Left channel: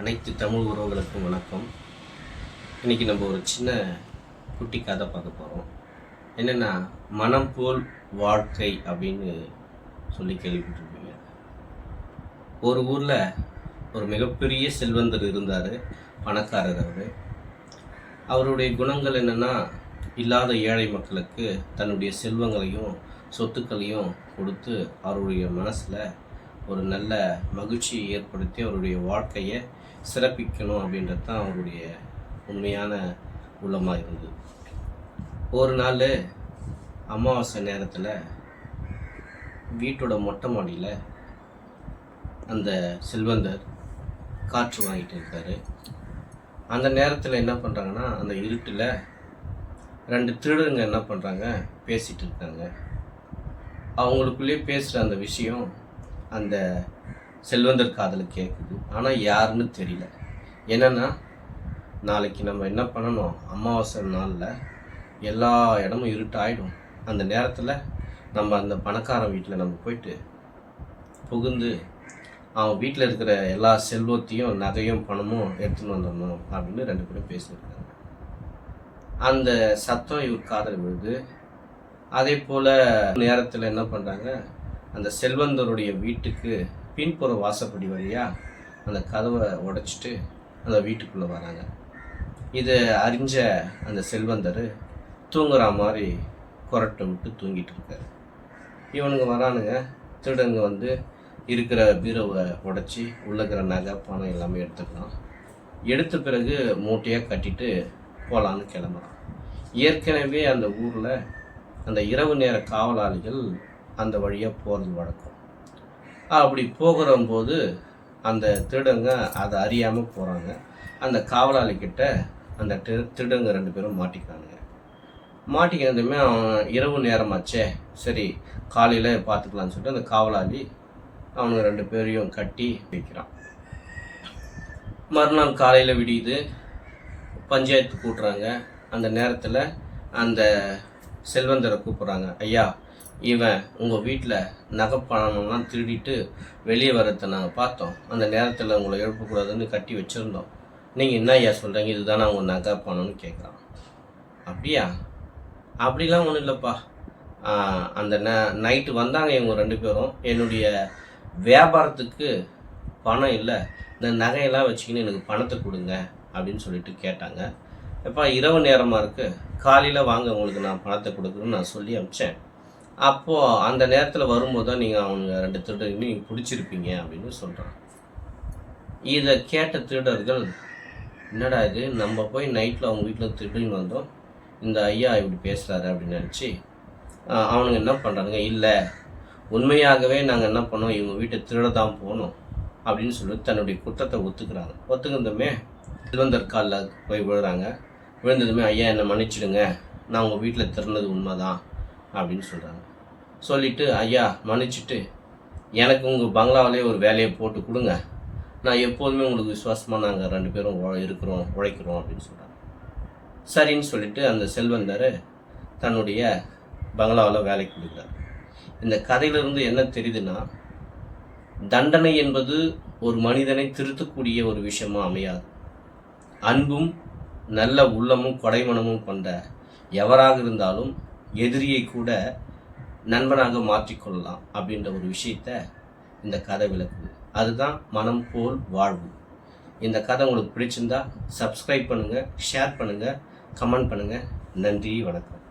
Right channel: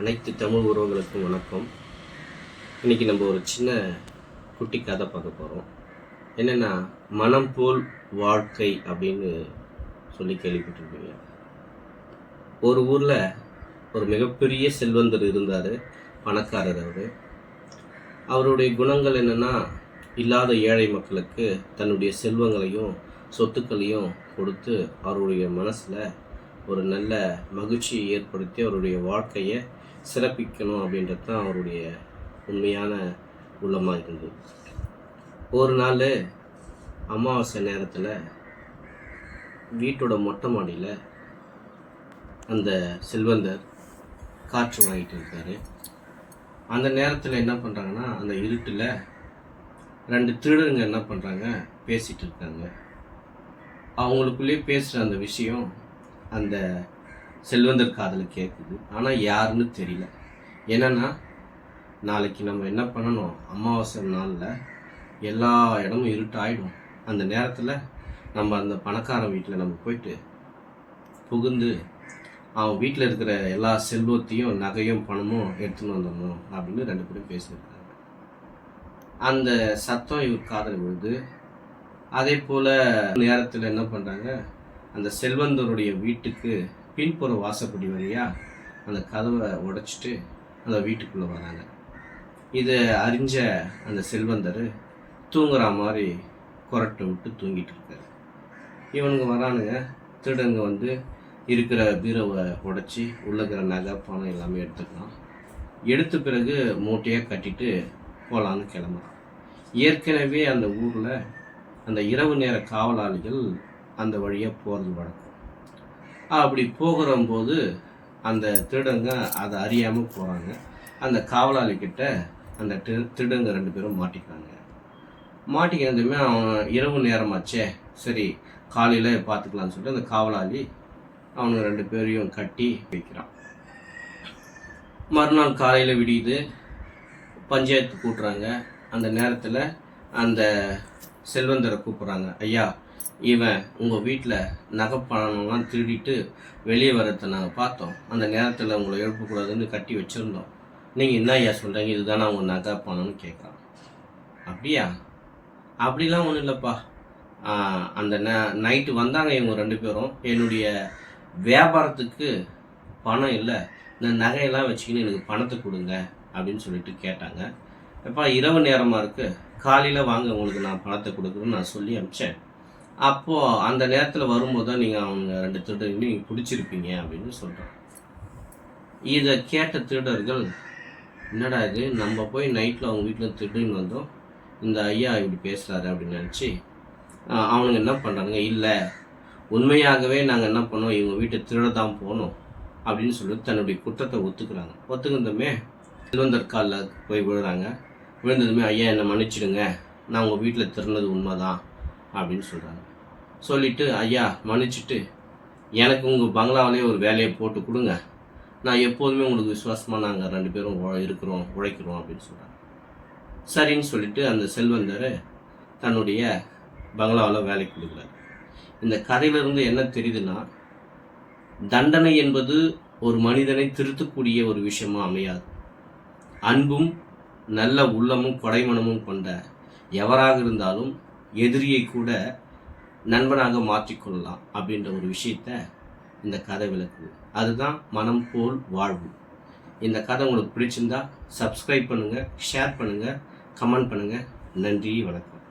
அனைத்து தமிழ் உறவுகளுக்கும் வணக்கம். இன்றைக்கி நம்ம ஒரு சின்ன குட்டி கதை பார்க்க போகிறோம். என்னென்னா, மனம் போல் வாழ்க்கை அப்படின்னு சொல்லி கேள்விப்பட்டிருப்பீங்க. ஒரு ஊரில் ஒரு மிகப்பெரிய செல்வந்தர் இருந்தார், பணக்காரர். அவருடைய குணங்கள் என்னென்னா, இல்லாத ஏழை மக்களுக்கு தன்னுடைய செல்வங்களையும் சொத்துக்களையும் கொடுத்து அவருடைய மனசில் ஒரு நல்ல மகிழ்ச்சியை ஏற்படுத்தி அவருடைய வாழ்க்கையை சிறப்பிக்கணும் அப்படின்றது தான் அவருடைய உண்மையான உள்ளமாக இருந்தது. ஒரு நாள் அமாவாசை நேரத்தில் வீட்டோட மொட்டை மாடியில் அந்த செல்வந்தர் காற்று வாங்கிட்டு இருக்கார். அந்த நேரத்தில் என்ன பண்ணுறாங்கன்னா, அந்த இருட்டில் 2 திருடருங்க என்ன பண்ணுறாங்க, பேசிகிட்டு இருக்காங்க. அவங்களுக்குள்ளேயே பேசுகிற அந்த விஷயம் அந்த செல்வந்தர் காதில் கேட்குது. ஆனால் யாருன்னு தெரியல. என்னென்னா, நாளைக்கு நம்ம என்ன பண்ணணும், அமாவாசை நாளில் எல்லா இடமும் இருட்டாயிடும். அந்த நேரத்தில் நம்ம அந்த பணக்காரன் வீட்டில் நம்ம போயிட்டு புகுந்து அவன் வீட்டில் இருக்கிற எல்லா செல்வத்தையும் நகையும் பணமும் எடுத்துன்னு வந்தோம் அப்படின்னு 2 பேரும் பேசியிருக்காங்க. அந்த சத்தம் இவர் காதில் விழுது. அதே போல் நேரத்தில் என்ன பண்ணுறாங்க, அந்த செல்வந்தருடைய வீட்டுக்கு பின்புற வாசப்படி வழியாக அந்த கதவை உடைச்சிட்டு அந்த வீட்டுக்குள்ளே வராங்க. இதை அறிஞ்ச அந்த செல்வந்தர் தூங்குற மாதிரி குரட்டை விட்டு தூங்கிட்டு இருக்காரு. இவனுங்க வரானுங்க, திருடங்க வந்து இருக்கிற பீரோவை உடைச்சி உள்ள இருக்கிற நகை பணம் எல்லாமே எடுத்துக்கலாம். எடுத்த பிறகு மூட்டையாக கட்டிட்டு போகலான்னு கிளம்புறான். ஏற்கனவே அந்த ஊரில் அந்த இரவு நேர காவலாளிகள் அந்த வழியாக போகிறது வழக்கம். அப்படி போகிறம்போது அந்த திருடங்க அதை அறியாமல் போகிறாங்க. அந்த காவலாளிக்கிட்ட அந்த திருடங்க 2 பேரும் மாட்டிக்கிறாங்க. மாட்டிக்கிறதுமே அவன் இரவு நேரமாச்சே, சரி காலையில் பார்த்துக்கலான்னு சொல்லிட்டு அந்த காவலாளி அவனுங்க 2 பேரையும் கட்டி வைக்கிறான். மறுநாள் காலையில் விடியுது, பஞ்சாயத்து கூட்டுறாங்க. அந்த நேரத்தில் அந்த செல்வந்தரை கூப்பிட்றாங்க. ஐயா, இவன் உங்கள் வீட்டில் நகைப்பணம்லாம் திருடிட்டு வெளியே வரத்தை நாங்கள் பார்த்தோம். அந்த நேரத்தில் உங்களை எழுப்பக்கூடாதுன்னு கட்டி வச்சுருந்தோம். நீங்கள் என்ன ஐயா சொல்கிறீங்க, இதுதானே அவங்க நகை பணம்னு கேட்குறான். அப்படியா? அப்படிலாம் ஒன்றும் இல்லைப்பா. அந்த நைட்டு வந்தாங்க இவங்க 2 பேரும். என்னுடைய வியாபாரத்துக்கு பணம் இல்லை, இந்த நகையெல்லாம் வச்சுக்கின்னு எனக்கு பணத்தை கொடுங்க அப்படின்னு சொல்லிட்டு கேட்டாங்க. எப்பா, இரவு நேரமாக இருக்குது, காலையில் வாங்க, உங்களுக்கு நான் பணத்தை கொடுக்குறேன்னு நான் சொல்லி அனுப்பிச்சேன். அப்போது அந்த நேரத்தில் வரும்போது தான் நீங்கள் அவங்க 2 திருடர்களையும் நீங்கள் பிடிச்சிருப்பீங்க அப்படின்னு சொல்கிறான். இதை கேட்ட திருடர்கள், என்னடா இது, நம்ம போய் நைட்டில் அவங்க வீட்டில் திருடின்னு வந்தோம், இந்த ஐயா இப்படி பேசுகிறாரு அப்படின்னு நினச்சி அவனுங்க என்ன பண்ணுறாங்க, இல்லை உண்மையாகவே நாங்கள் என்ன பண்ணோம், இவங்க வீட்டை திருட தான் போனோம் அப்படின்னு சொல்லிட்டு தன்னுடைய குற்றத்தை ஒத்துக்கிறாங்க. ஒத்துக்கிறதுமே செல்வந்தர் காலில் போய் விழுறாங்க. விழுந்ததுமே, ஐயா என்னை மன்னிச்சிடுங்க, நான் உங்கள் வீட்டில் திருடினது உண்மைதான் அப்படின்னு சொல்கிறாங்க. சொல்லிவிட்டு, ஐயா மன்னிச்சுட்டு எனக்கு உங்கள் பங்களாவிலே ஒரு வேலையை போட்டு கொடுங்க, நான் எப்போதுமே உங்களுக்கு விசுவாசமாக நாங்கள் 2 பேரும் உழைக்கிறோம் அப்படின்னு சொல்கிறாங்க. சரின்னு சொல்லிவிட்டு அந்த செல்வந்தர் தன்னுடைய பங்களாவில் வேலைக்கு கொடுக்குறாரு. இந்த கதையிலிருந்து என்ன தெரியுதுன்னா, தண்டனை என்பது ஒரு மனிதனை திருத்தக்கூடிய ஒரு விஷயமாக அமையாது. அன்பும் நல்ல உள்ளமும் கொடைமனமும் கொண்ட எவராக இருந்தாலும் எதிரியை கூட நண்பனாக மாற்றிக்கொள்ளலாம் அப்படின்ற ஒரு விஷயத்தை இந்த கதை விளக்குது. அதுதான் மனம் போல் வாழ்வு. இந்த கதை உங்களுக்கு பிடிச்சிருந்தா சப்ஸ்கிரைப் பண்ணுங்கள், ஷேர் பண்ணுங்கள், கமெண்ட் பண்ணுங்கள். நன்றி, வணக்கம்.